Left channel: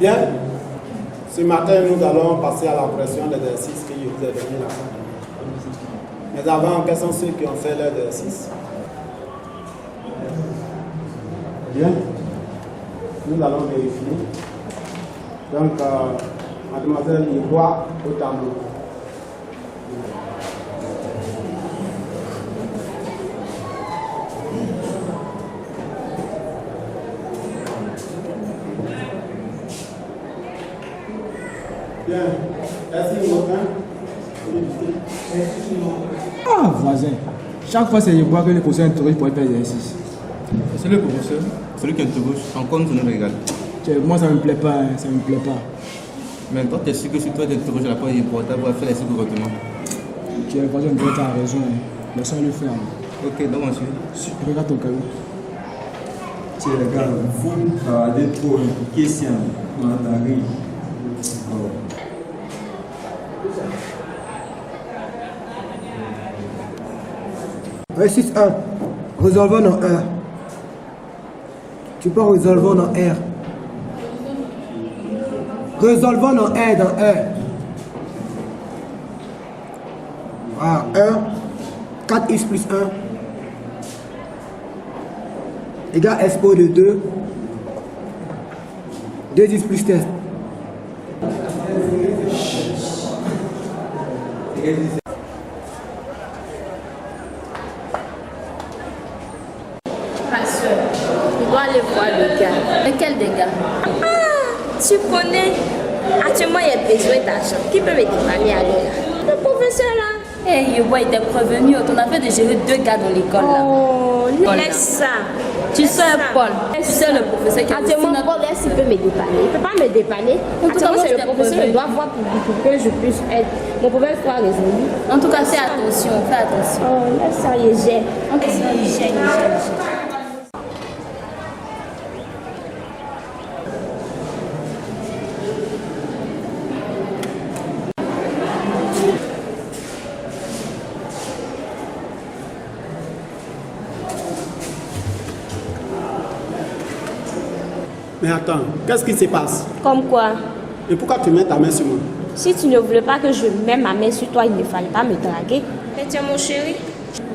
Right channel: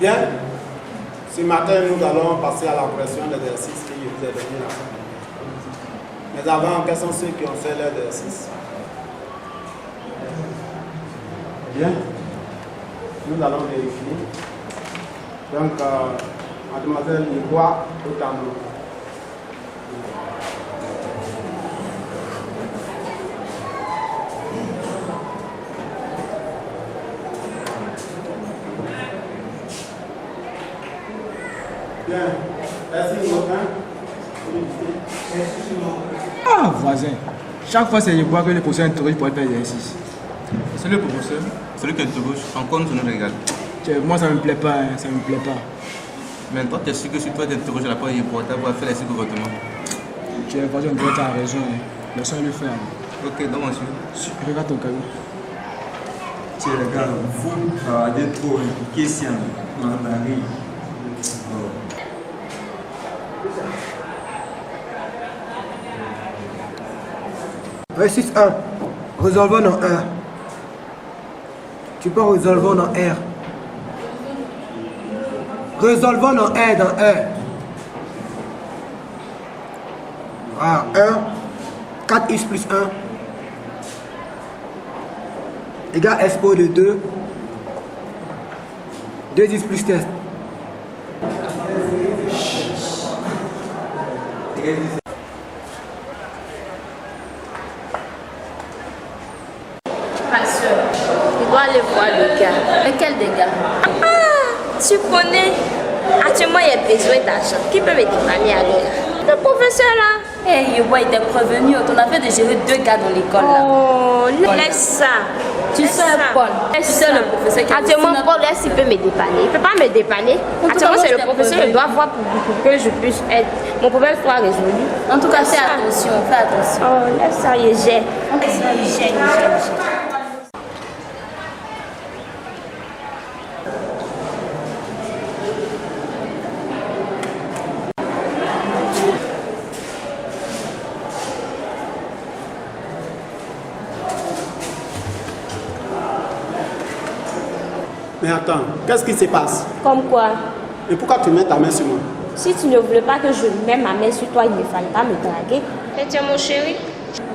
Bien, ce matin nous allons passer à la correction d'exercice que je vous ai donné la fois dernière. Mais avant, quels sont ceux qui ont fait l'exercice? Bien, nous allons vérifier. Donc, mademoiselle Ivoire au tableau. Bien, merci Motin. Ah, voisin, chaque fois c'est je vois que le professeur interroge pour faire l'exercice. C'est le professeur, celui qui interroge, encore nous nous régale. Moi ça me plaît pas, hein, ça me plaît pas. Mais toi, tu es sûr que si toi t'interroges la part importante, tu vas faire les choses correctement. Voisin, tu as raison, hein. Laisse-moi le faire. Ok, donc monsieur. Regarde ton cahier. Tiens, les gars, vous travaillez trop impliqués ici en Paris. Exercice 1. Résolvons dans 1. Tu peux résolver dans R. Résolvons dans 1 dans 1. Voilà, 1. 4x plus 1. Égale expo de 2. 2x plus test. Ma soeur, tu dois aller voir le gars. Mais quel dégât? Ah, tu connais. Actuellement, il y a besoin d'argent. Qui peut me dépanner alors là? Le professeur là. Hey, Yobo était prévenu. On avait de gérer 2 gars dans l'école là. Oh, laisse ça. Tu sais, Paul. Tu sais le professeur qui a actuellement, Paul, est-ce qu'il peut me dépanner? Il ne peut pas me dépanner. Actuellement, c'est le professeur. Je dois voir pour que je puisse être. Mon problème soit résolu. En tout cas, fais attention. Fais attention. Oh, laisse ça, il gère. Il gère. Mais attends, qu'est-ce qui se passe? Comme quoi? Et pourquoi tu mets ta main sur moi? Si tu ne voulais pas que je mette ma main sur toi, il ne fallait pas me draguer. Mais tu es mon chéri.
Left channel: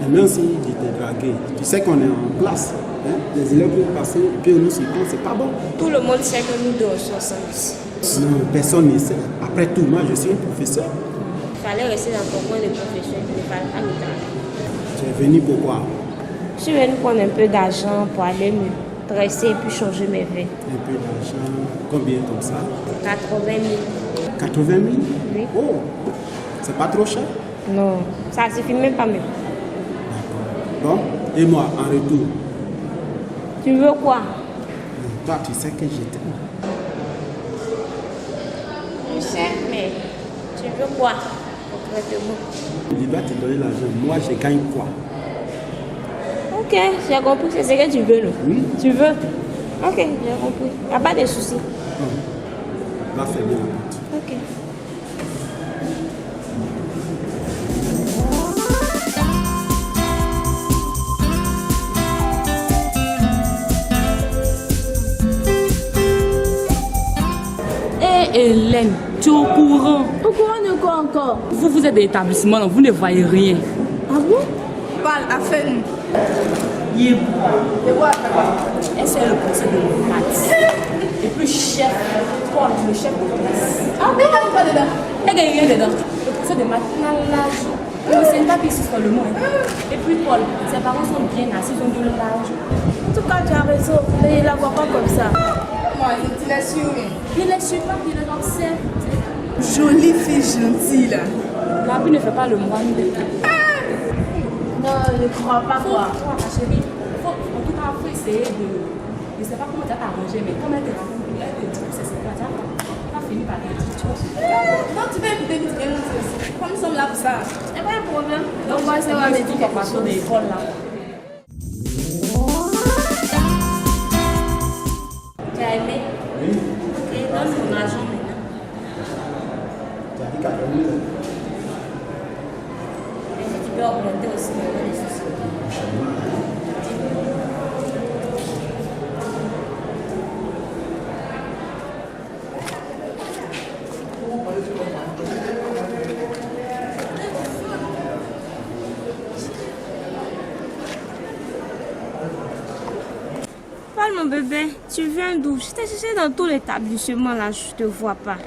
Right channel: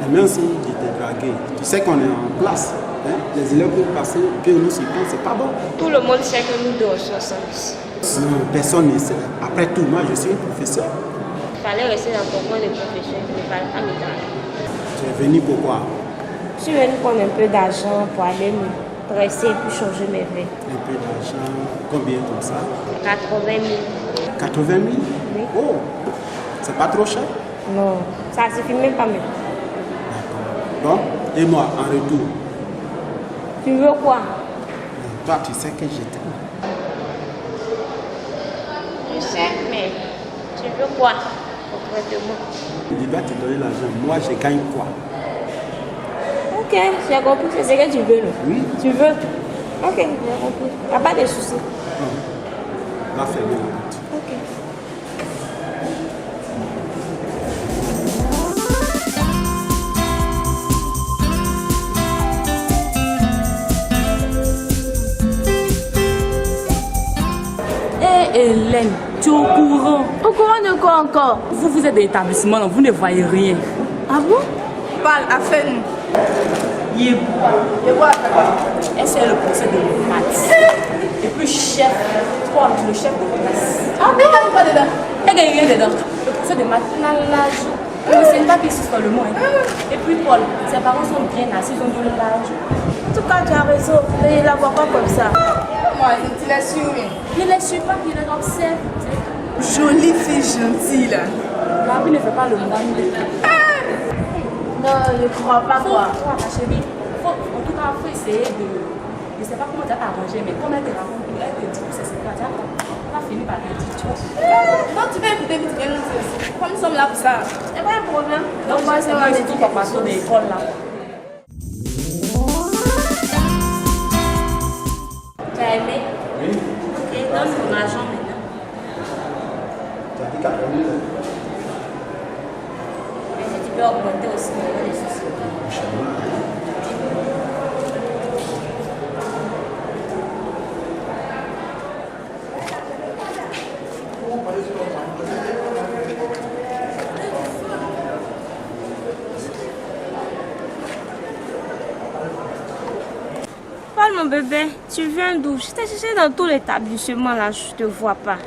Et même si je t'ai dragué, tu sais qu'on est en classe. Hein? Les élèves peuvent passer, puis nous s'y prendre, c'est pas bon. Tout le monde sait que nous deux sommes ensemble ici. Non, personne ne sait. Après tout, moi je suis un professeur. Il fallait rester dans ton coin de professeur. Il ne fallait pas me draguer. Tu es venu pourquoi? Je suis venue prendre un peu d'argent pour aller me dresser et puis changer mes vêtements. Un peu d'argent, combien comme ça? 80 000. 80 000? Oui. Oh, c'est pas trop cher? Non, ça ne suffit même pas. D'accord. Bon, et moi, en retour? Tu veux quoi? Toi, tu sais que je t'aime. Je sais, mais tu veux quoi concrètement? Il doit te donner l'argent. Moi, je gagne quoi? Ok, j'ai compris. C'est ce que tu veux, non? Oui. Tu veux? Ok, j'ai compris. Il n'y a pas de souci. Va fermer la porte. Ok. Hélène, tu es au courant? Au courant de quoi encore? Vous êtes de l'établissement, vous ne voyez rien. Ah bon? Parle, affaire-nous. Et c'est le professeur de maths. Et puis chef, Paul, le chef de classe. Ah, mais il n'y a pas dedans. Il n'y a rien dedans. Le professeur de maths n'a l'âge. Ne sait pas que ce soit le mot. Et puis Paul, ses parents sont bien assis, ils ont de l'âge. En tout cas, tu as raison. Mais il la voit pas comme ça. Moi, je te laisse sur. Ne les suit pas, il les observe. Jolie fille gentille là. La vie ne fait pas le moine. Ah, Non, je ne crois pas quoi. Ma chérie, en tout cas, il faut essayer de... Je ne sais pas comment tu vas t'arranger, mais comme elle te raconte, elle te dit que c'est quoi, tu vas finir par te dire, tu vois. Non, tu vas écouter, tu viens nous dire aussi. Comme nous sommes là pour ça. Il n'y a pas de problème. Donc, moi, c'est moi, tout pour passer de l'école là. Tu as aimé? Oui. Ok, donne mon argent maintenant. Tu as dit 80 000. Et si tu peux augmenter aussi, il n'y a pas de soucis. Parle mon bébé, tu viens d'où? Je t'ai cherché dans tout l'établissement là, je te vois pas.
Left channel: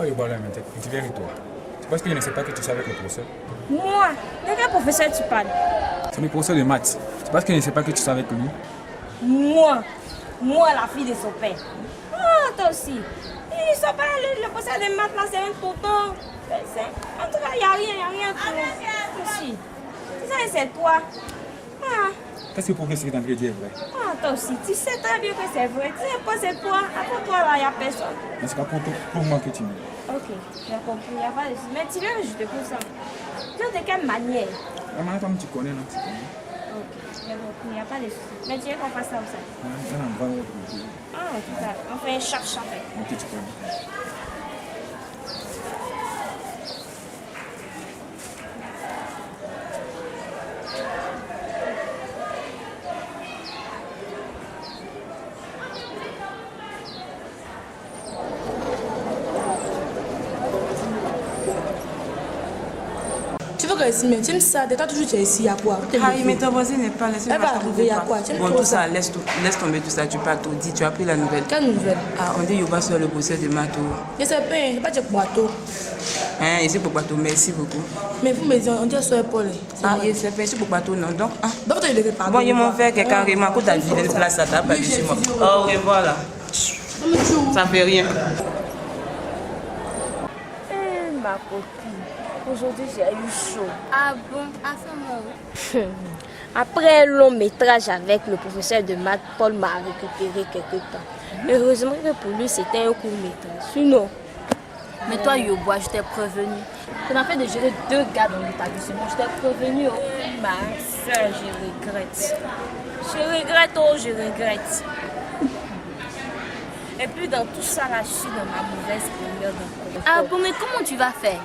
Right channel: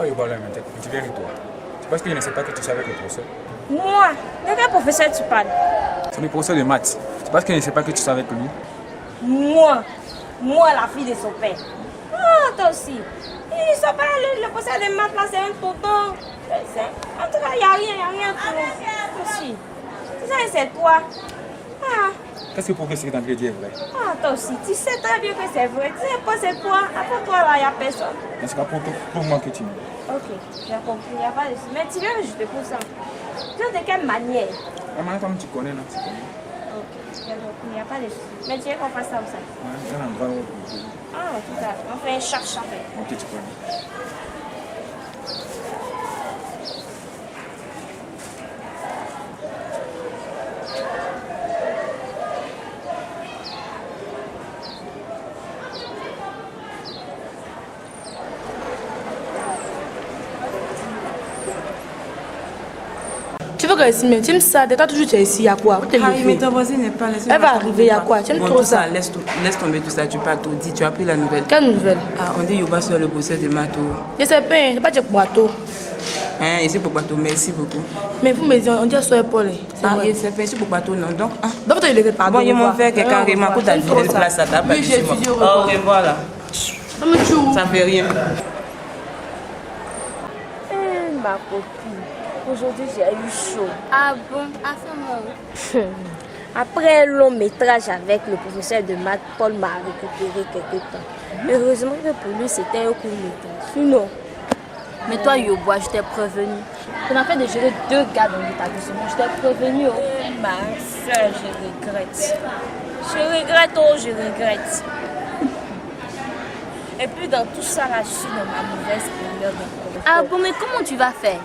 Oh, il va là maintenant. Tu viens avec toi. Tu penses que je ne sais pas que tu sais avec le professeur? Moi? De quel professeur tu parles? C'est le professeur de maths. Tu penses que je ne sais pas que tu sais avec lui? Moi? Moi, la fille de son père. Ah, toi aussi. Ils sont pas le professeur de maths là, c'est un tonton. En tout cas, il n'y a rien pour aussi. C'est ça, c'est toi. Ah. Qu'est-ce que le professeur est en train de dire est vrai? Ah, toi aussi, tu sais très bien que c'est vrai. Tu sais pas, c'est toi. Après toi, là, il n'y a personne. Mais c'est pas pour moi que tu me dis. Ok, j'ai compris, il n'y a pas de souci. Mais tu viens juste pour ça. Tu viens de quelle manière? La manière comme tu connais là, tu connais. Ok, j'ai compris, il n'y a pas de souci. Mais tu veux qu'on fasse ça ou ça? Ouais, un endroit où tu dis. Ah, tout ça. On fait un chaque. Ok, tu connais. Tu veux que je tu me ça, de toi toujours tu es ici, il y a quoi? Harry, mais ta voisine n'est pas là. Elle va arriver, il y a quoi? Tu aimes Bon, trop tout ça? ça, laisse tomber tout ça, tu parles tout. Dis, tu as pris la nouvelle. Quelle nouvelle? Ah, on dit Yoba sur le procès de Mato. Je sais pas, je sais pas du boiteau. Hein, ici pour Bateau, merci beaucoup. Mais vous me dites, on dit sur Paul. Ah, il s'est fait ici pour Bateau, non. Donc, ah. Donc, tu le pardon. Bon, ils m'ont fait que carrément, quand tu as vidé une place à ta place, chez moi. Au revoir là. Ça fait rien. Ma copine, aujourd'hui j'ai eu chaud. Ah bon? À ce moment. Après un long métrage avec le professeur de maths, Paul m'a récupéré quelque temps. Heureusement que pour lui c'était un court métrage. Sinon. Mais toi Yobois, je t'ai prévenu. On a fait de gérer 2 gars dans l'établissement. Je t'ai prévenu. Ma soeur, je regrette. Je regrette. Et puis dans tout ça, là, je suis dans ma mauvaise période encore. Ah bon, mais comment tu vas faire?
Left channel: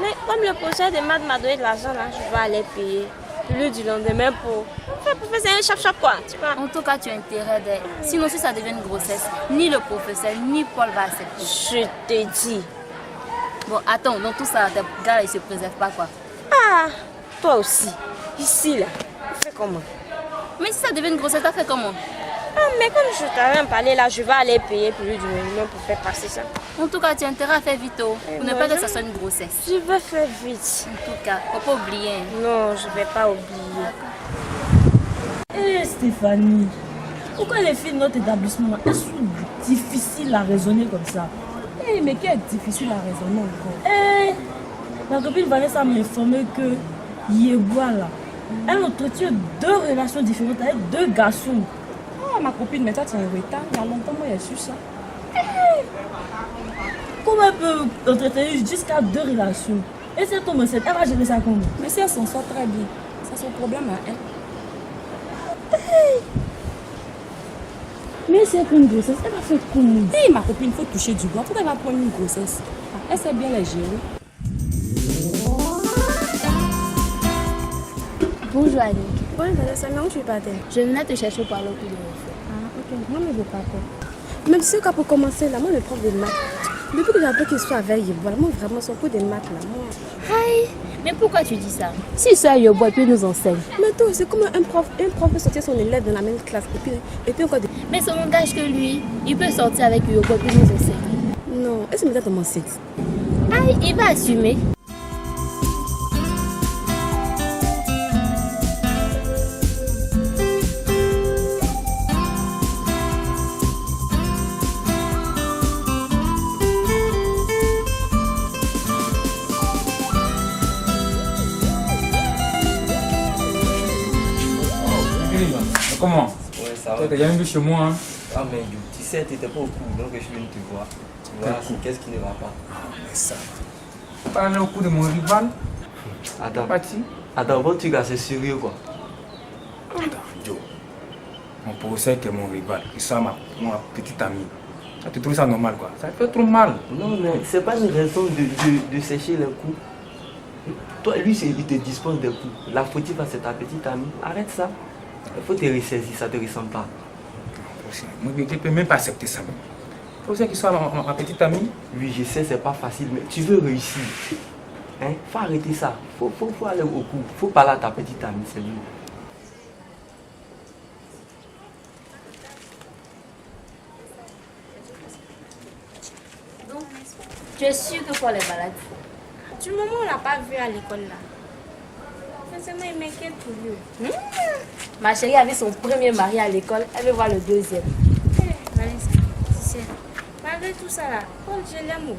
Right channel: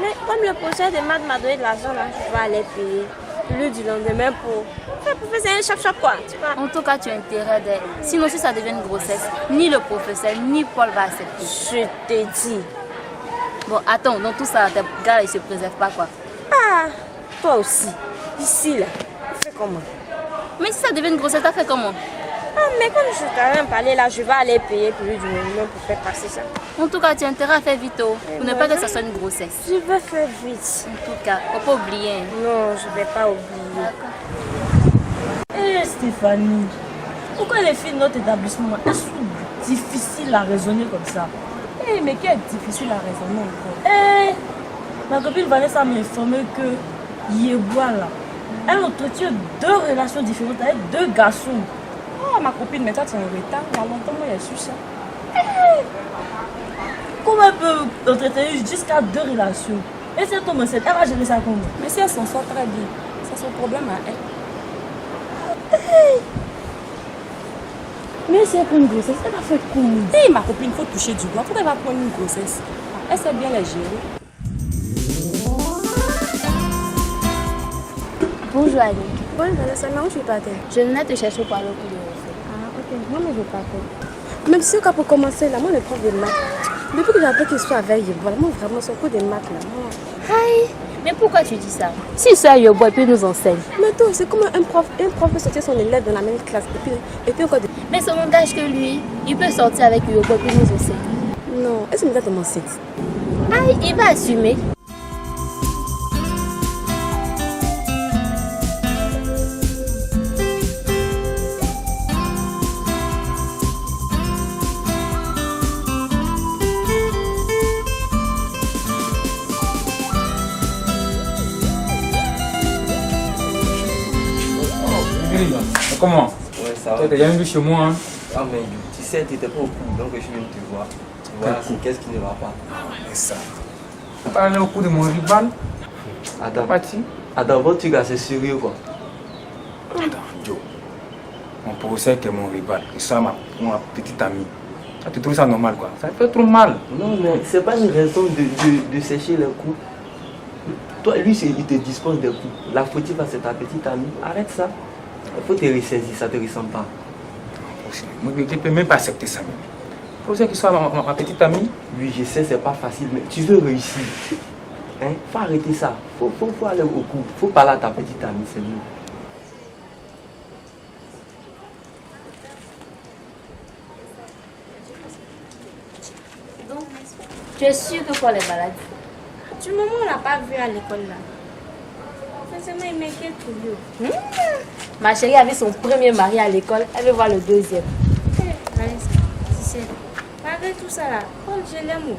Mais comme le professeur de maths m'a donné de l'argent, là, je vais aller payer le du lendemain pour faire un chap quoi, tu vois. En tout cas, tu as intérêt d'être. Sinon, si ça devient une grossesse, ni le professeur, ni Paul va accepter. Je te dis. Bon, attends, dans tout ça, tes gars, ils se préservent pas, quoi. Ah, toi aussi. Ici, là, tu fais comment? Mais si ça devient une grossesse, tu fait comment? Ah, mais comme je t'ai rien parlé là, je vais aller payer plus du minimum pour faire passer ça. En tout cas, tu as intérêt à faire vite, pour ne pas que ça soit une grossesse. Je vais faire vite. En tout cas, faut pas oublier. Non, je vais pas oublier. Hé Stéphanie, pourquoi les filles de notre établissement elles sont difficiles à raisonner comme ça? Hé, mais qui est difficile à raisonner encore? Hé, ma copine Vanessa m'a informé que Yebois là, elle entretient 2 relations différentes avec 2 garçons. Oh, ma copine, mais toi tu es en retard. Il y a longtemps, moi, j'ai su ça. Comment elle peut entretenir jusqu'à 2 relations? Et si elle tombe enceinte, elle va gérer ça comment? Mais si elle s'en sort très bien, c'est son problème à elle. Mais si elle prend une grossesse, elle va faire comment? Si ma copine, il faut toucher du bois. Pourquoi elle va prendre une grossesse? Ah, elle sait bien la gérer. Bonjour Annick. Bonjour Vanessa, mais où tu es pas terre? Je venais te chercher pour aller au cours de refait. Ah, ok. Moi, je ne veux pas terre. Même si quand pour commencer, là, moi, le prof de maths, depuis que j'ai appris qu'il soit avec Yebois, moi, vraiment, son cours de maths, là, moi. Aïe, mais pourquoi tu dis ça? Si ça Yobois, puis nous enseigne. Mais toi, c'est comme un prof peut sortir son élève dans la même classe. Et puis encore. Mais ça n'engage que lui. Il peut sortir avec Yobois, puis nous enseigner. Non, est-ce que tu m'as enceinte? Aïe, il va assumer. Comment? Ouais, ça va. Tu t'es jamais vu chez moi, hein? Ah, mais tu sais, tu n'étais pas au cours, donc je suis venu te voir. Voilà, c'est qu'est-ce qui ne va pas. Ah, mais ça. Tu parles au cours de mon rival? Attends, votre truc là, c'est sérieux quoi? Attends, Joe. Mon professeur qui est mon rival, il soit ma petite amie. Tu trouves ça normal quoi? Ça fait trop mal. Non, mais c'est pas une raison de sécher les coups. Toi, lui, il te dispose des coups. La fautive, c'est ta petite amie. Arrête ça. Il faut te ressaisir, ça ne te ressemble pas. Moi, je ne peux même pas accepter ça même. Pour ça qu'il soit ma petite amie. Oui, je sais, c'est pas facile, mais tu veux réussir. Hein? Faut arrêter ça. Faut aller au cours. Faut parler à ta petite amie, c'est mieux. Donc, tu es sûr que Paul est malade? Du moment où on l'a pas vu à l'école là. Sincèrement, il m'inquiète pour lui. Ma chérie avait son premier mari à l'école, elle veut voir le deuxième. Vanessa, tu sais, malgré tout ça là, Paul, je l'aime.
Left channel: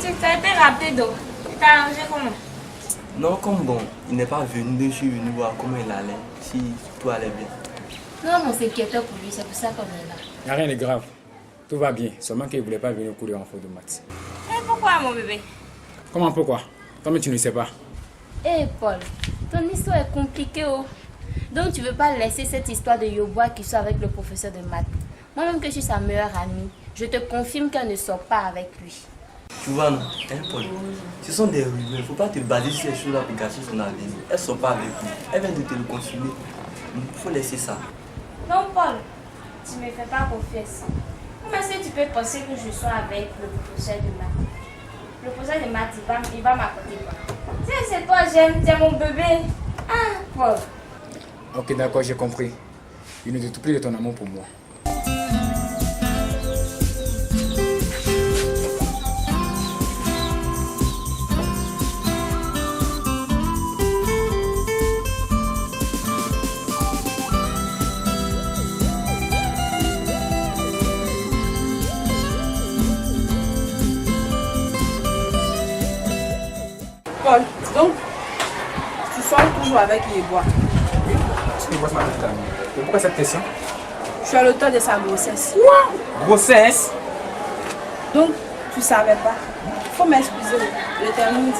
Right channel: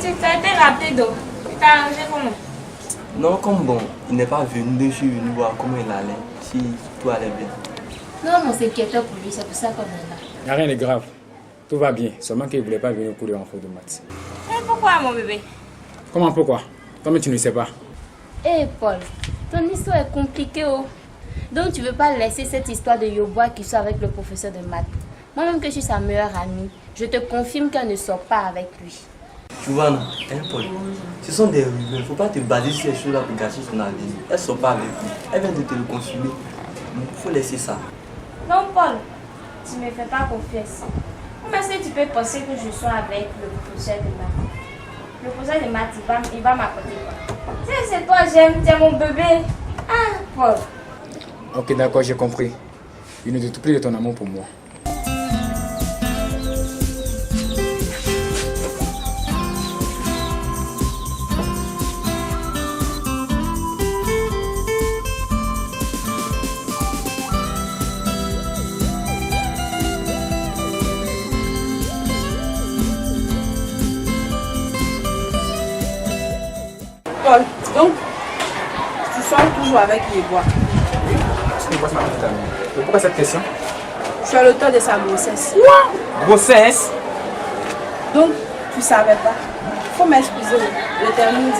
Tu as été rapide donc. Tu t'es arrangé comment? Non, comme bon, il n'est pas venu, je suis venu voir comment il allait, si tout allait bien. Non, on s'inquiétait pour lui, c'est pour ça qu'on est là. Il n'y a rien de grave. Tout va bien. Seulement qu'il ne voulait pas venir au cours de renfort de maths. Et pourquoi, mon bébé? Comment pourquoi? Toi-même tu ne sais pas. Eh Paul, ton histoire est compliquée. Oh. Donc tu ne veux pas laisser cette histoire de Yobois qui sort avec le professeur de maths. Moi-même que je suis sa meilleure amie, je te confirme qu'elle ne sort pas avec lui. Tu vois, non, hein, Paul, ce sont des rumeurs. Il ne faut pas te baser sur les choses pour gâcher son avenir. Elles ne sont pas avec lui. Elle vient de te le confirmer. Il faut laisser ça. Non, Paul, tu ne me fais pas confiance. Comment est-ce que tu peux penser que je sois avec le professeur de maths? Le professeur de maths, il va m'apporter quoi? C'est toi, j'aime, tu es mon bébé. Ah, Paul. Ok, d'accord, j'ai compris. Il ne doute plus de ton amour pour moi. Paul, donc, tu sors toujours avec Yebois. Oui, c'est ma petite amie. Et pourquoi cette question? Je suis à l'auteur de sa grossesse. Quoi? Grossesse? Donc, tu savais pas. Faut m'excuser, le terme dit.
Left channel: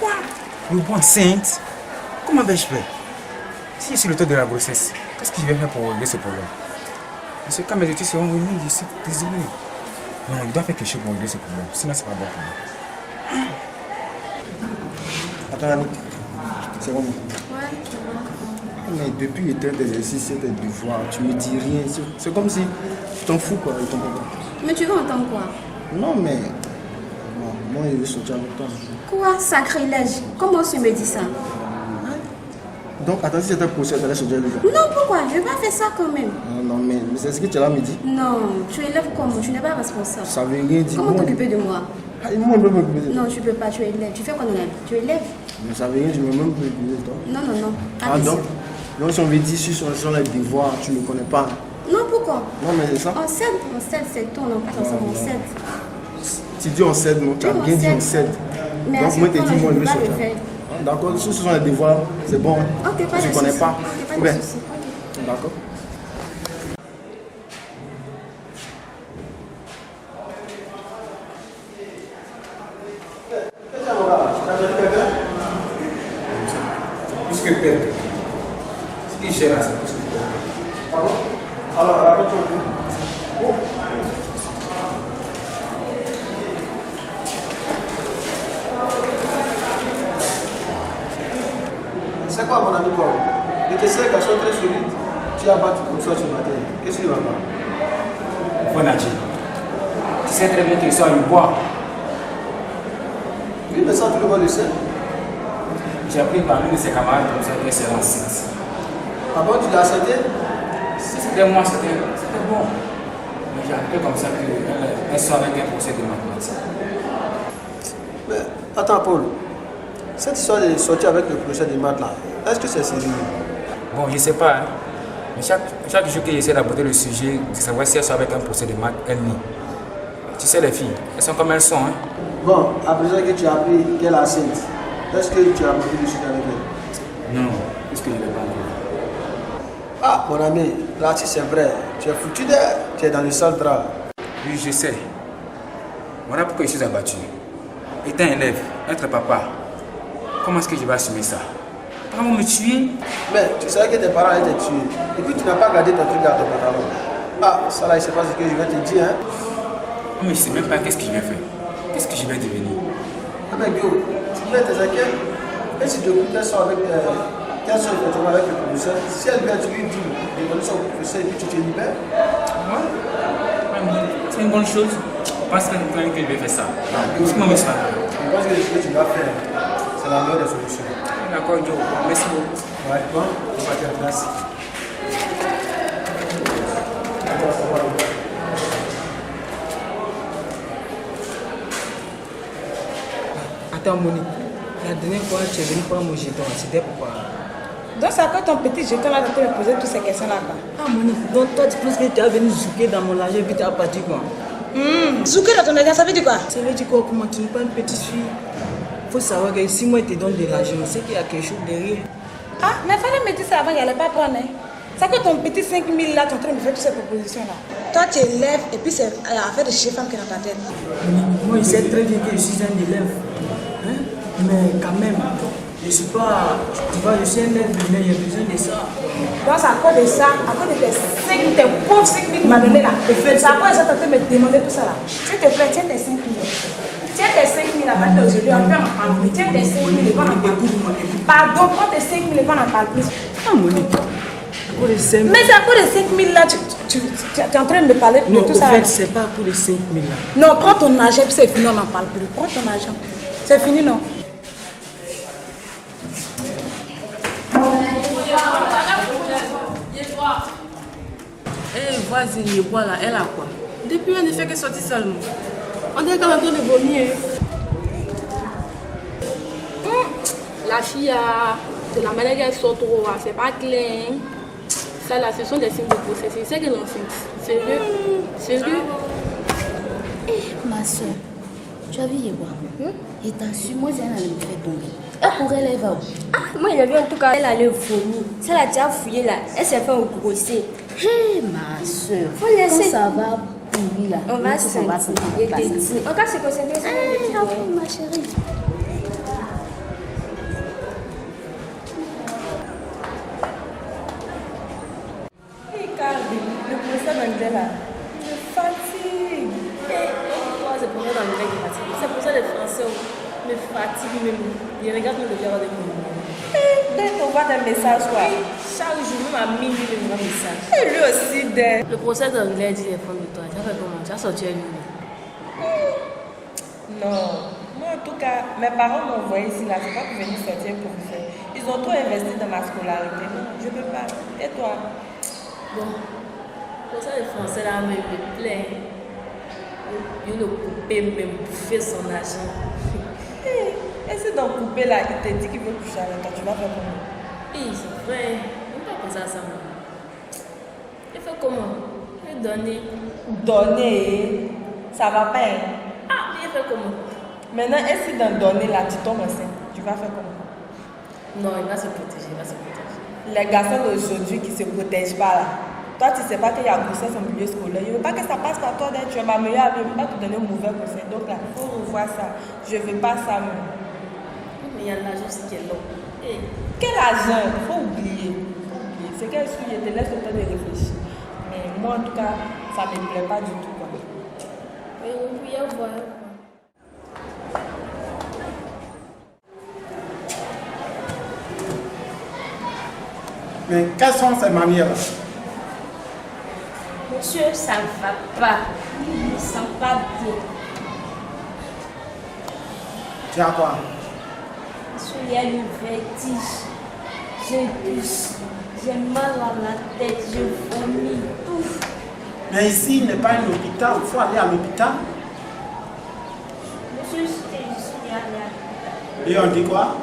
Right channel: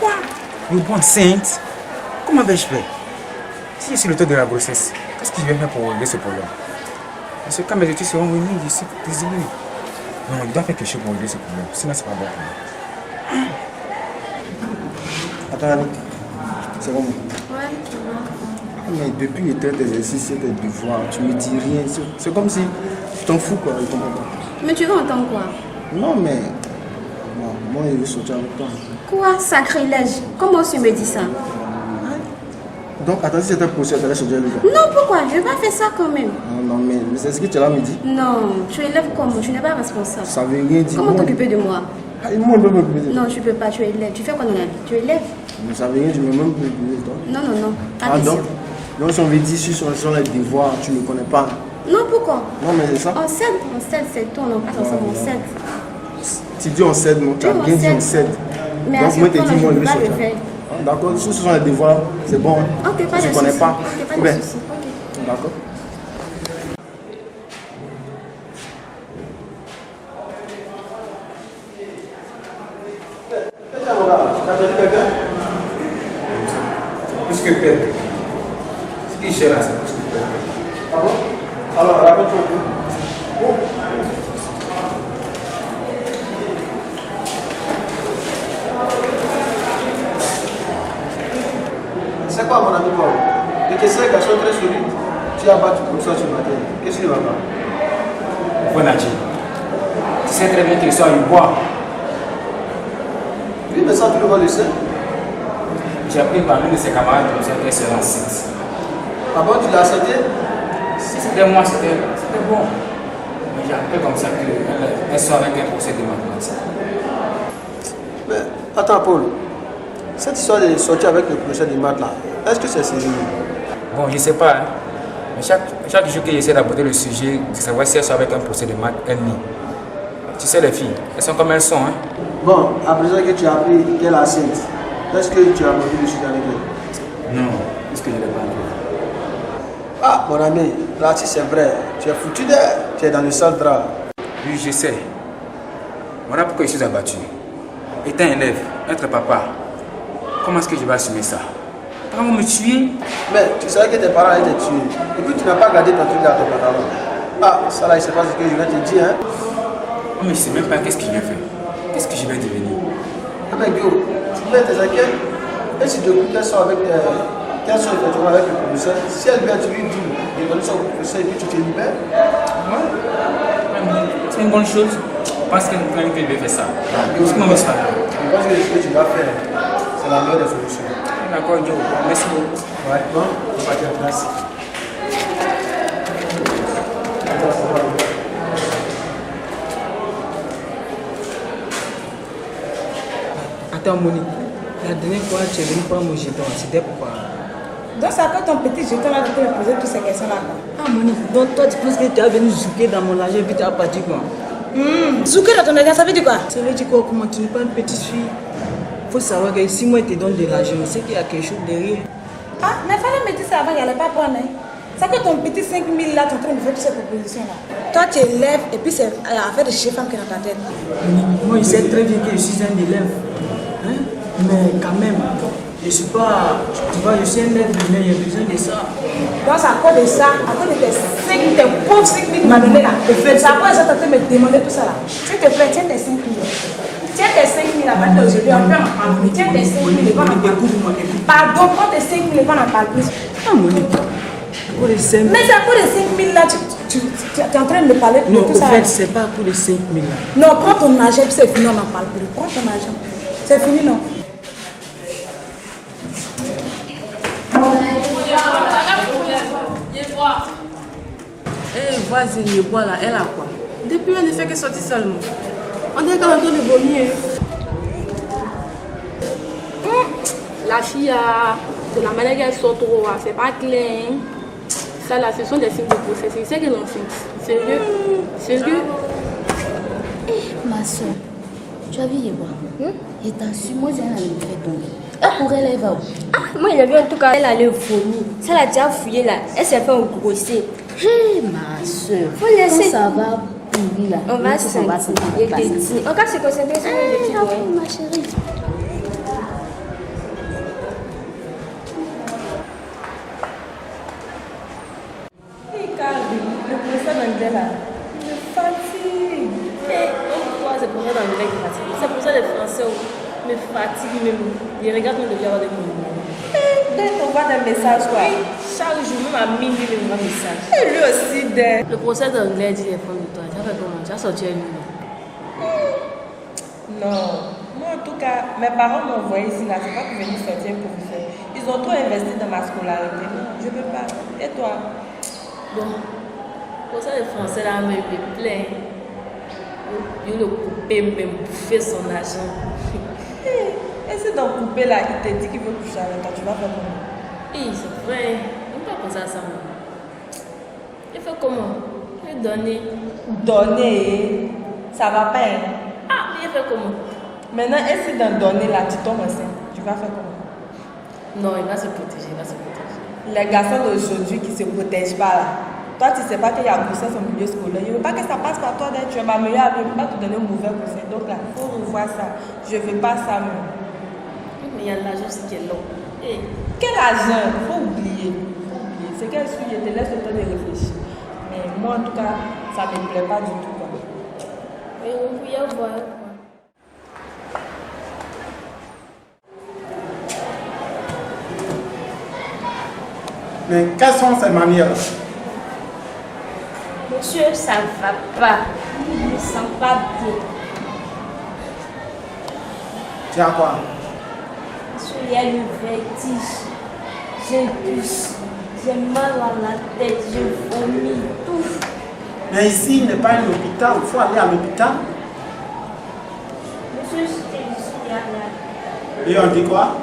Quoi? Le bon enceinte? Comment vais-je faire? Si je suis l'auteur de la grossesse, qu'est-ce que je vais faire pour régler ce problème? Parce que quand mes études seront venues, je suis désolé. Non, il doit faire quelque chose pour régler ce problème. Sinon, c'est pas bon pour moi. Attends, Annick, c'est comment? Ouais, tu vois. Mais depuis les têtes d'exercice et tes devoirs, tu me dis rien. C'est comme si tu t'en fous quoi, je comprends pas. Mais tu veux entendre quoi? Non, mais bon, moi je veux sortir avec toi. Quoi? Sacrilège? Comment tu me dis ça? Donc, attends, si c'était possible, tu allais sortir avec toi. Non, pourquoi? Je vais pas faire ça quand même. Non, mais c'est ce que tu as là me dit. Non, tu élèves comment? Tu n'es pas responsable. Ça veut rien dire. Comment t'occuper de moi? Moi, je peux m'occuper de toi. Non, tu peux pas, tu es élève. Tu fais quoi dans la vie? Tu es élève? Mais ça veut rien dire, je ne peux même plus m'occuper de toi. Non, non, non. Ah, donc si on veut dire si sur les devoirs, tu ne me connais pas. Non, pourquoi? Non, mais c'est ça. On cède, c'est tout, on passe ensemble, on cède. Tu dis on cède, non, tu as bien dit on cède. Mais donc moi, tu dis moi, je vais pas sortir. le faire. D'accord, si ce sont les devoirs, c'est bon. Ok, pas de je ne soucis. connais pas. Ok, pas de soucis. Ok. D'accord. Plus que perdre. Ce qui est cher là, c'est plus que perdre. Ah bon? Alors, rappelle-toi un peu. Oh. C'est quoi mon ami Paul? De tes 5 garçons très solides, tu as battu comme ça ce matin. Qu'est-ce qui va pas? Bon Nadji, tu sais très bien que je suis à Yobois. Oui, mais ça tout le monde le sait. J'ai appris par l'une de ses camarades comme ça qu'elle serait enceinte. Ah bon, tu l'as accepté? Si c'était moi, c'était bon. Mais j'ai appris comme ça qu'elle soit avec un procès de mathématiques. Mais attends Paul, Cette histoire de sortir avec le procès de maths là, est-ce que c'est sérieux? Bon, je ne sais pas. Hein. Mais chaque jour que j'essaie d'aborder le sujet, de savoir si elles sont avec un procès de maths, elles nient. Tu sais, les filles, elles sont comme elles sont. Hein. Bon, à présent que tu as appris qu'elle est enceinte, est-ce que tu as abordé le sujet avec elle? Non, puisque je ne l'ai pas appris. Ah, mon ami, là, si c'est vrai, tu es foutu d'air, tu es dans le sale drap. Oui, je sais. Voilà pourquoi je suis abattu. Étant élève, être papa, comment est-ce que je vais assumer ça? Parents vont me tuer. Mais tu savais que tes parents étaient tués. Et puis tu n'as pas gardé ton truc dans ton pantalon. Ah, ça là, je ne sais pas ce que je vais te dire. Hein. Mais je ne sais même pas qu'est-ce que je vais faire. Qu'est-ce que je vais devenir? Ah, mais Guillaume, tu viens tes inquiètes. Et si depuis qu'elles sont avec qu'elles sont effectivement avec le professeur, si elle vient, tu lui dis de donner son professeur et puis tu te libères. Ouais. C'est une bonne chose. Je pense que je vais faire ça. Je pense que ce que tu vas faire, c'est la meilleure des solutions. D'accord, Joe. Merci beaucoup. Ouais, bon, on va faire place. Attends, Monique. La dernière fois, tu es venu prendre mon jeton. C'était pourquoi? Donc, c'est à quoi ton petit jeton là de te poser toutes ces questions-là? Ah, Monique, donc toi, tu penses que tu es venu zouker dans mon argent et puis tu as parti quoi? Zouker dans ton argent, ça veut dire quoi? Ça veut dire quoi? Comment tu n'es pas une petite fille? Il faut savoir que si moi, je te donne de l'argent, c'est qu'il y a quelque chose derrière. Ah, mais il fallait me dire ça avant, il n'allait pas prendre. Hein. C'est que ton petit 5 000 là, tu es en train de faire toutes ces propositions-là. Toi, tu es élève et puis c'est affaire de chez femme qui est dans ta tête. Moi, je sais très bien que je suis un élève. Hein? Mais quand même, je suis pas. Tu vois, je suis un élève, mais j'ai besoin de ça. Donc, c'est à cause de ça, à cause de tes pauvres 5 000 que tu m'as donné là. C'est à cause de ça que tu es en train de me demander tout ça là. S'il te plaît, tiens tes 5 000. Tiens tes 5 000 à partir d'aujourd'hui, on peut en parler. Tiens tes 5 000 et on en parle. Pardon, prends tes 5 000 et on en parle plus. Ah, Monique. Mais c'est à cause des 5 000 là, tu es en train de me parler de non, tout ça. Non, en fait, c'est pas pour les 5 000 là. Non, prends ton argent, puis c'est fini, on n'en parle plus. Prends ton argent. C'est fini, non? Eh, voisine, voilà, elle a quoi? Depuis, elle ne fait que sortir seulement. On dirait qu'elle est en train de vomir. La fille, de la manière qu'elle sort trop, c'est pas clair. Ça là, ce sont des signes de grossesse. C'est qu'elle est enceinte. Sérieux? Sérieux? Eh, ma soeur, tu as vu Yéboa? Et t'assure, moi, elle allait me faire tomber. Elle courait, elle va où? Ah, moi, il y avait en tout cas, elle allait vomir. Ça l'a déjà fouillé là. Elle s'est fait engrosser. Hé, ma soeur, faut laisser. Quand ça va pourrir là, on va se concentrer. On va se concentrer sur les petits. Ma chérie. Le professeur d'anglais là, me fatigue. C'est pour ça l'anglais qui fatigue. C'est pour ça les Français me fatiguent même. Ils regardent même de avoir des mots. Dès qu'on voit des messages quoi. Chaque jour, même à minuit, il me voit des messages. Et lui aussi dès. Le procès d'anglais dit les femmes de toi. Tu as fait comment? Tu as sorti un livre? Non. Moi en tout cas, mes parents m'ont envoyé ici là. C'est pas pour venir sortir un professeur. Ils ont trop investi dans ma scolarité. Non, je peux pas. Et toi? Bon. Pour ça, les Français là, me plaît. Il le couper, même bouffer son argent. Et si dans le coupé là, il te dit qu'il veut coucher avec toi, tu vas faire comment? Oui, c'est vrai. On ne peut pas penser à ça. Il fait comment? Il fait donner. Donner? Ça va pas. Hein? Ah, il fait comment? Maintenant, et si dans donner là, tu tombes enceinte, tu vas faire comment? Non, il va se protéger, il va se protéger. Les garçons d'aujourd'hui qui ne se protègent pas là. Toi, tu ne sais pas qu'il y a grossesse au milieu scolaire. Je ne veux pas que ça passe par toi, tu es ma meilleure amie. Je ne veux pas te donner un mauvais conseil. Donc là, il faut revoir ça. Je ne veux pas ça. Mais il y a l'argent aussi qui est long. Hey, quel argent? Il faut oublier. C'est qu'elle suit, je te laisse le temps de réfléchir. Mais moi, en tout cas, ça ne me plaît pas du tout. Quoi. Oui, oui, au revoir. Mais quelles sont ces manières? Monsieur, ça ne va pas. Je ne me sens pas bien. Tu as quoi? Monsieur, il y a le vertige. Je tousse. J'ai mal à la tête. Je vomis. Tout. Mais ici, il n'est pas un hôpital. Il faut aller à l'hôpital. Monsieur, je suis allée à l'hôpital. Et on dit quoi?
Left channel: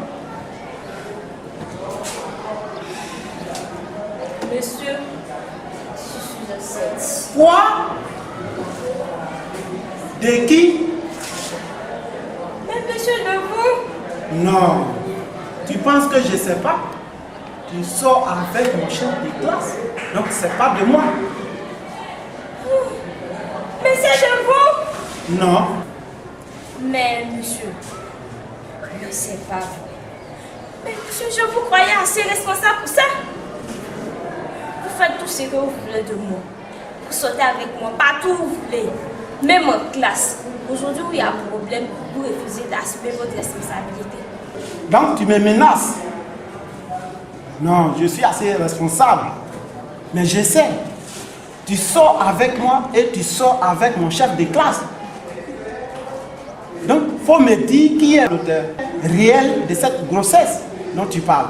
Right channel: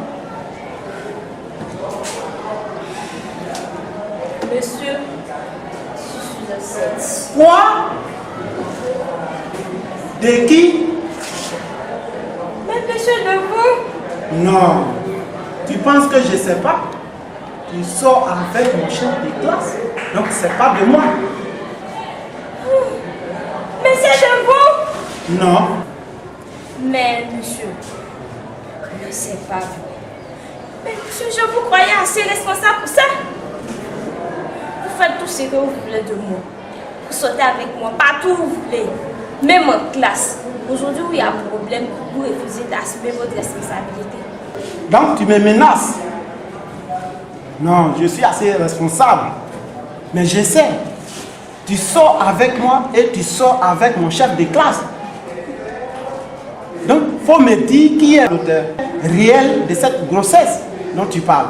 Monsieur, je suis enceinte. Quoi? De qui? Mais monsieur, de vous? Non. Tu penses que je ne sais pas? Tu sors avec mon chef de classe, donc c'est pas de moi. Mais c'est de vous? Non. Mais monsieur, ne c'est pas vous. Mais monsieur, je vous croyais assez responsable pour ça. Vous faites tout ce que vous voulez de moi. Vous sortez avec moi partout où vous voulez. Même en classe. Aujourd'hui où il y a un problème, vous refusez d'assumer votre responsabilité. Donc tu me menaces? Non, je suis assez responsable. Mais je sais. Tu sors avec moi et tu sors avec mon chef de classe. Donc, il faut me dire qui est l'auteur réel de cette grossesse dont tu parles.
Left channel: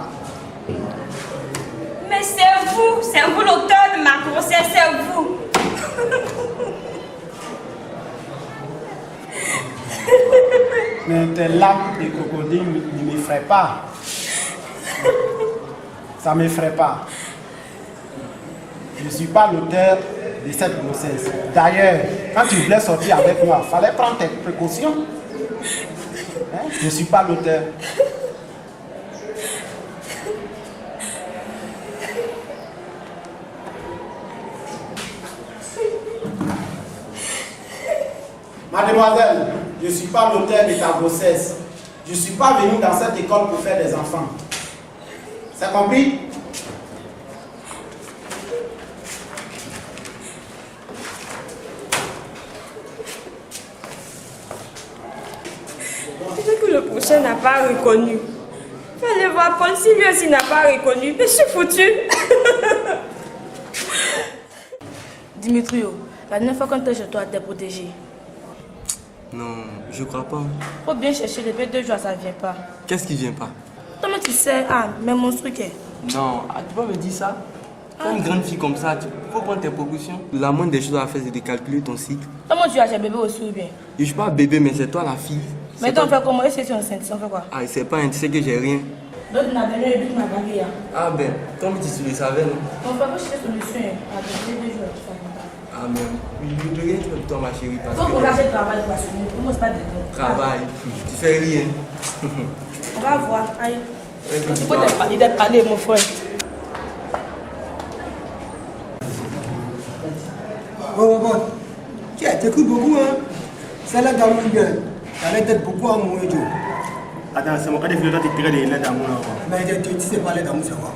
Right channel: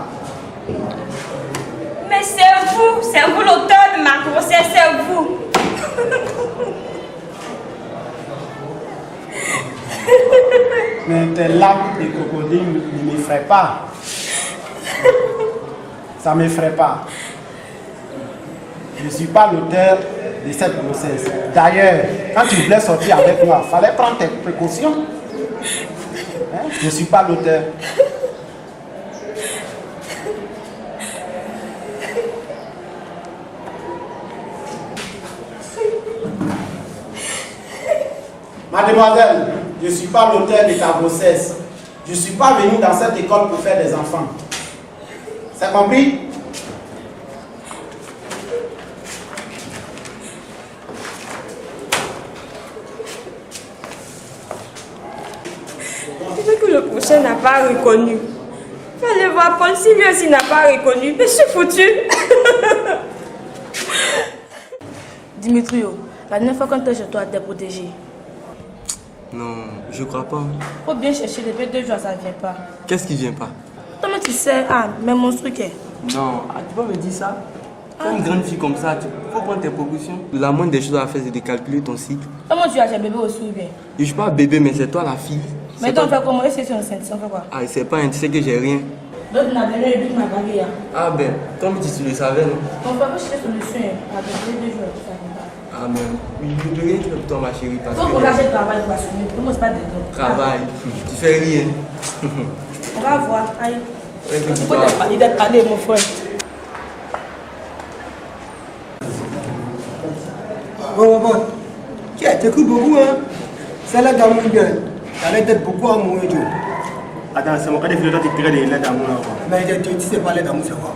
Mais c'est vous l'auteur de ma grossesse, c'est vous. Mais tes larmes de crocodile ne m'effraient pas. Ça ne m'effraie pas. Je ne suis pas l'auteur de cette grossesse. D'ailleurs, quand tu voulais sortir avec moi, il fallait prendre tes précautions. Hein? Je ne suis pas l'auteur. Mademoiselle, je ne suis pas l'auteur de ta grossesse. Je ne suis pas venu dans cette école pour faire des enfants. C'est compris? Peut-être que le prochain n'a pas reconnu. Fallait voir Paul, si lui aussi n'a pas reconnu. Mais je suis foutu. Dimitrio, la dernière fois quand tu es chez toi, t'es protégé. Non, je crois pas. Faut bien chercher, depuis 2 jours, ça ne vient pas. Qu'est-ce qui vient pas? Toi, tu sais, mais mon truc est. Non, tu peux me dire ça? Quand une grande fille comme ça, tu faut prendre tes précautions. La moindre des choses à faire, c'est de calculer ton cycle. Comment tu as bébé aussi ou bien? Je suis pas bébé, mais c'est toi la fille. Mais toi, on fait comment? Est-ce que tu es enceinte? On fait quoi? Ah, c'est pas un, tu sais que j'ai rien. Donc, tu n'as venu et puis tu m'as bagué. Ah ben, comme tu le savais, non? On fait pas chercher solution. Avec 2 jours, ça ne vient pas. Ah mais, de rien tu fais pour toi ma chérie. Parce faut que... encourager le travail pour assumer. Pour moi, c'est pas de temps. Travail, tu fais rien. On va voir. Allez. Il faut t'être parlé, mon frère. Bon. Tu écoutes beaucoup, hein? C'est l'aide d'amour bien. Ça l'aide d'être beaucoup amoureux, Joe. Attends, c'est mon cas de toi, tu tirais de l'aide d'amour. Mais tu sais pas l'aide d'amour, c'est quoi?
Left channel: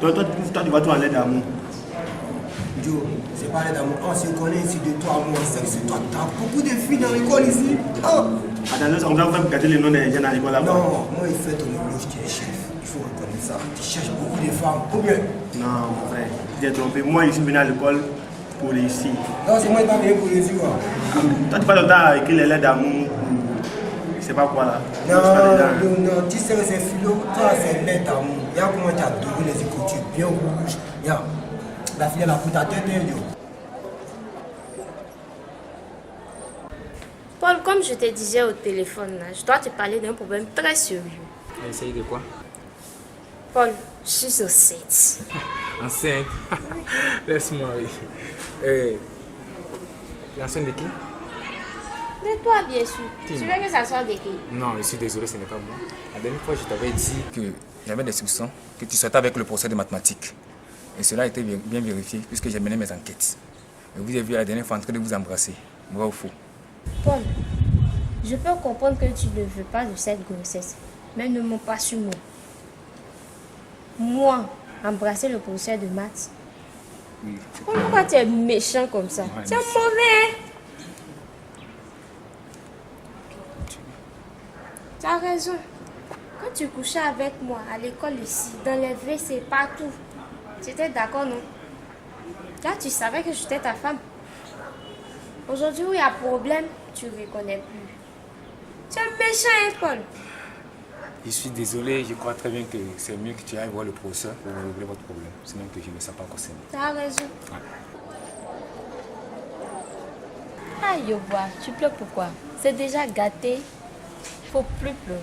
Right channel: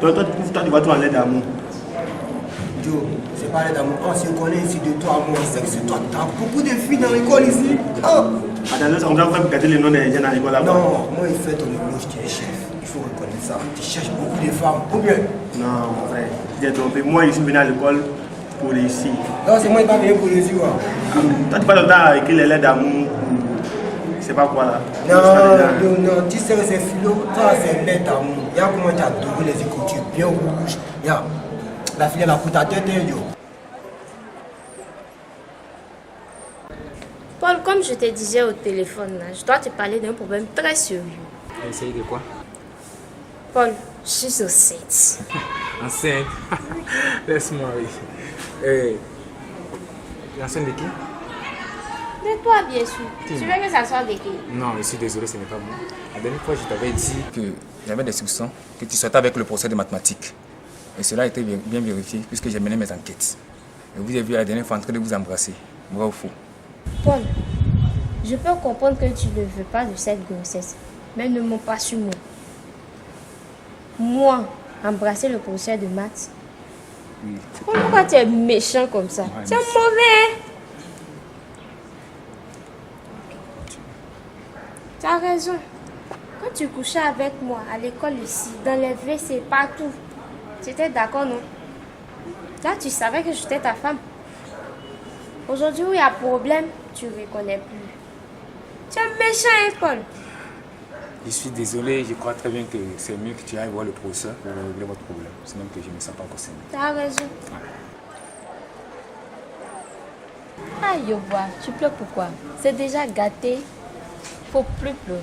Toi, tu vas toi l'aide d'amour. Joe, c'est pas l'aide d'amour. On se connaît ici de toi, moi. C'est que c'est toi. Tu as beaucoup de filles dans l'école ici. Oh. Attends, on va faire garder les noms des gens dans l'école là-bas. Non, moi, il fait ton éloge, tu es chef. Il faut reconnaître ça. Tu cherches beaucoup de femmes. Ou bien? Non, mon frère, tu t'es trompé. Moi, je suis venu à l'école pour réussir. Non, c'est moi qui pas venu pour réussir. Toi, tu parles le temps à écrire les lettres d'amour. C'est pas quoi là? Non, tu sais que c'est philo, toi c'est lettre d'amour. Regarde comment tu as adoré les écritures bien rouges. Regarde, la fille elle a pour ta tête, yo. Paul, comme je te disais au téléphone, là, je dois te parler d'un problème très sérieux. Essaye de quoi? Paul, je suis enceinte. Enceinte? Laisse-moi, oui. Enceinte de qui? De toi, bien sûr. Tu veux que ça soit de qui? Non, je suis désolé, ce n'est pas moi. La dernière fois, je t'avais dit qu'il y avait des soupçons que tu sortais avec le procès de mathématiques. Et cela a été bien vérifié puisque j'ai mené mes enquêtes. Et vous avez vu la dernière fois en train de vous embrasser. Vrai ou faux? Paul, je peux comprendre que tu ne veux pas de cette grossesse, mais ne m'en pas sur moi. Moi, embrasser le professeur de maths. Oui. Pourquoi tu es méchant comme ça? Tu es mauvais. Tu as raison. Quand tu couchais avec moi à l'école ici, dans les WC, partout, tu étais d'accord, non? Là, tu savais que j'étais ta femme. Aujourd'hui où il y a problème, tu ne reconnais plus. Tu es méchant, hein, Paul? Je suis désolé, je crois très bien que c'est mieux que tu ailles voir le professeur pour régler votre problème. C'est même que je ne me sens pas concerné. Tu as raison. Ah, Yoboa, tu pleures pourquoi? C'est déjà gâté. Faut plus pleurer.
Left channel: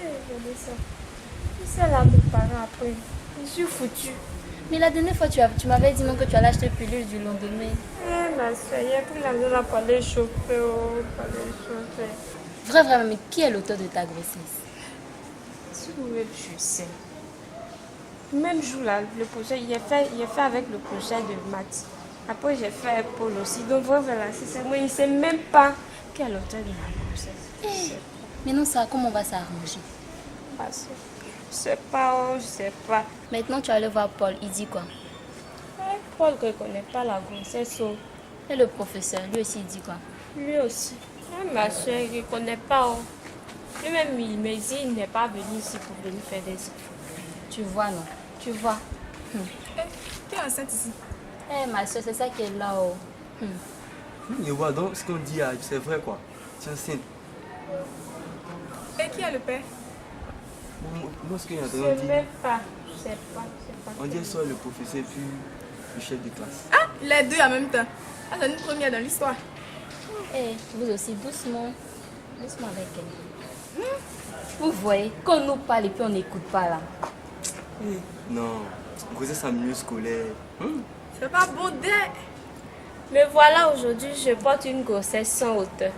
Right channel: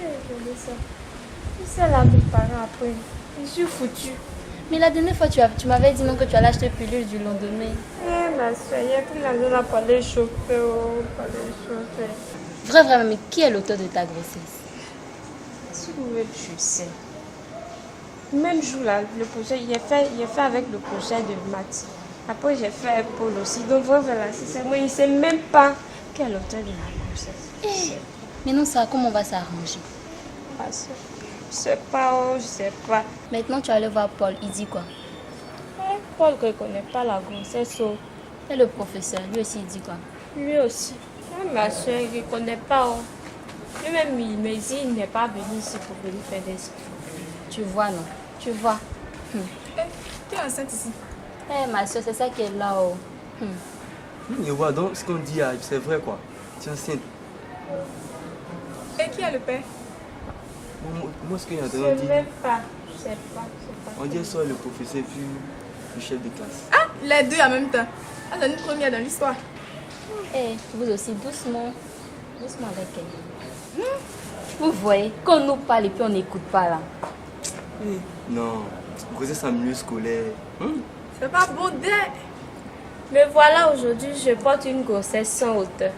Je me sens. Tu sais là, mes parents après. Je suis foutue. Mais la dernière fois, tu m'avais dit non que tu allais acheter pilule du lendemain. Eh, ma soeur, il y a plus l'argent là pour les chauffer, pour les chauffer. Vrai, mais qui est l'auteur de ta grossesse? Si vous voulez, je sais. Même jour là, le projet, il est fait avec le projet de maths. Après, j'ai fait Paul aussi. Donc voilà, c'est moi, il ne sait même pas qui est l'auteur de ma grossesse. Mais non, ça, comment on va s'arranger? Je sais pas, je sais pas. Maintenant, tu allais voir Paul, il dit quoi? Paul ne connaît pas la grossesse. Et le professeur, lui aussi, il dit quoi? Lui aussi. Ma soeur, il ne connaît pas. Lui-même, il me dit qu'il n'est pas venu ici pour venir faire des enfants. Tu vois, non? Tu vois. Tu es enceinte ici? Ma soeur, c'est ça qui est là-haut. Et voilà, donc ce qu'on dit, c'est vrai quoi. Tu es enceinte. Et qui est le père? Moi, ce qu'il y a Je entendu ne dire, sais pas. Je sais pas. on dit soit le professeur puis le chef de classe. Ah, les deux en même temps. Ah, c'est une première dans l'histoire. Vous aussi, doucement. Doucement avec elle. Vous voyez, quand on nous parle et puis on n'écoute pas là. Non, grossesse en milieu scolaire. C'est pas bon Mais voilà, aujourd'hui, je porte une grossesse sans hauteur.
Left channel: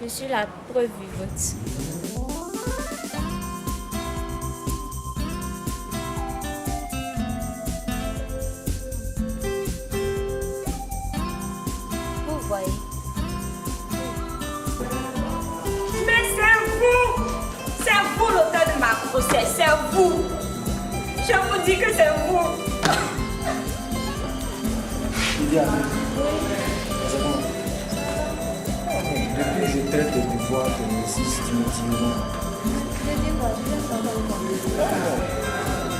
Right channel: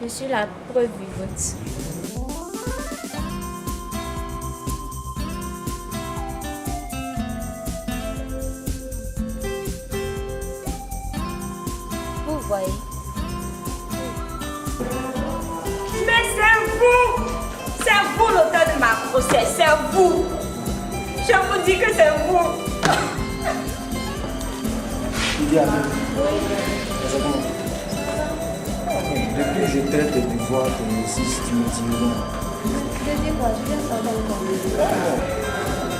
Je suis la preuve vivante. Vous voyez. Mais c'est vous l'auteur de ma grossesse, c'est vous. Je vous dis que c'est vous. Depuis que je traite de voir ton existe, tu me dis non. Je dis quoi? Je viens savoir comment.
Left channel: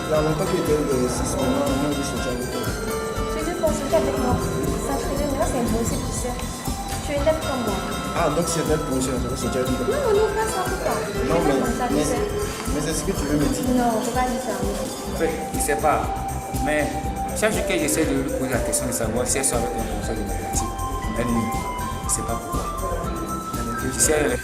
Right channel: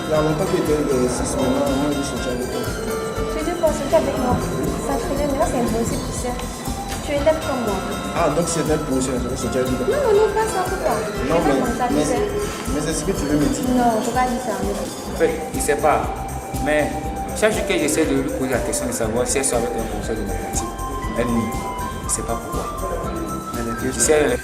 Il y a longtemps que tu es 6 maintenant, moi je sortir avec toi. Tu dis quoi? Sortir avec moi? Ça traînait, mais là c'est impossible, tu sais. Tu es élève comme moi. Ah, donc c'est notre prochain, je vais sortir avec toi. Non, pas ça, pourquoi? Non, mais c'est ce que tu veux me dire. Non, je ne peux pas dire ça. En fait, il ne sait pas. Mais chaque jour que j'essaie de lui poser la question de savoir si elle soit avec un professeur de mathématiques, elle nie. Je ne sais pas pourquoi. Tu sais,